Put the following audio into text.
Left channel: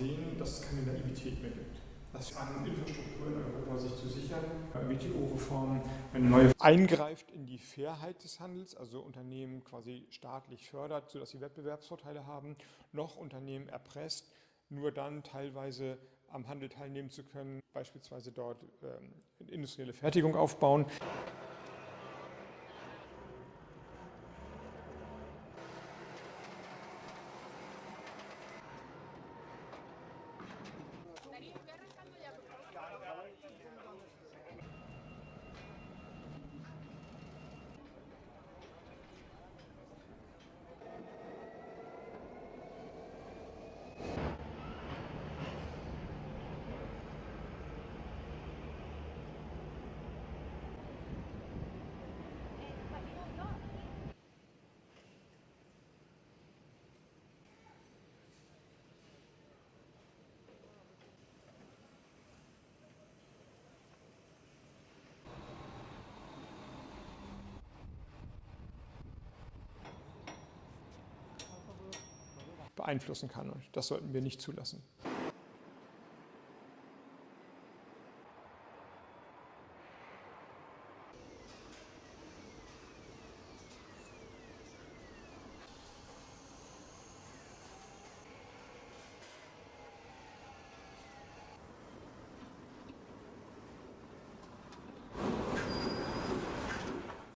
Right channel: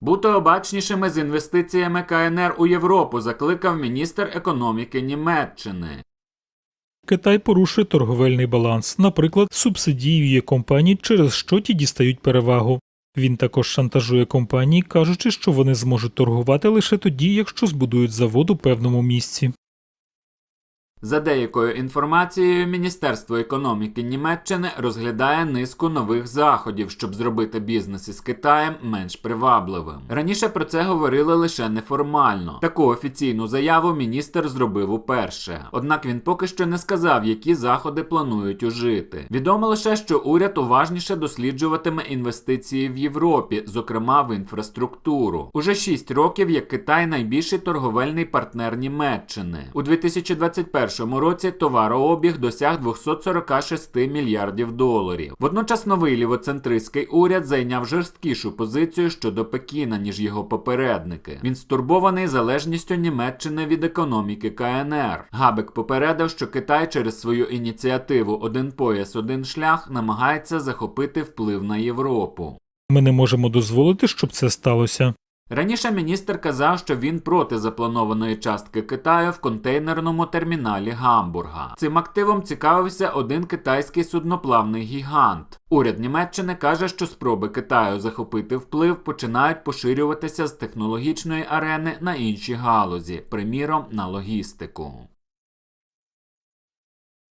Бути обачнішими з інвестиціями КНР у Європу, закликав міністр економіки Німеччини. Китай порушує торговельний баланс, наприклад, субсидіює компанії, через що ті дістають перевагу. Він також шантажує компанії, кажучи, що вони зможуть торгувати лише тоді, якщо збудують завод у певному місці. За деякою інформацією, Міністерство економіки Німеччини розглядає низку нових заходів, щоб зробити бізнес із Китаєм менш привабливим. Раніше про це говорили лише неформально. Таку офіційну заяву міністр зробив уперше. Однак він поки що не сказав, які заходи планують ужити. Відомо лише, що уряд уважніше досліджуватиме інвестиції в Європі, зокрема в інфраструктуру. Уже 6 років як Китай найбільший торговельний партнер Німеччини. У 2021 році товарообіг досяг 246 мільярдів доларів. Водночас новий лівоцентристський уряд зайняв жорсткішу позицію щодо Пекіна, ніж його попередники. Він стурбований залежністю Німеччини від економіки КНР. Габек попередив, що Китай через свою ініціативу Один пояс, один шлях намагається захопити вплив на Європу. Ми не можемо дозволити, щоб це сталося. Раніше міністр казав, що він проти запланованої частки Китаю в контейнерному терміналі Гамбурга. Цим активом цікавився один китайський судноплавний гігант. Уряд Німеччини каже, що спроби Китаю захопити вплив починають поширюватися з технологічної арени на інші галузі, приміром на логістику.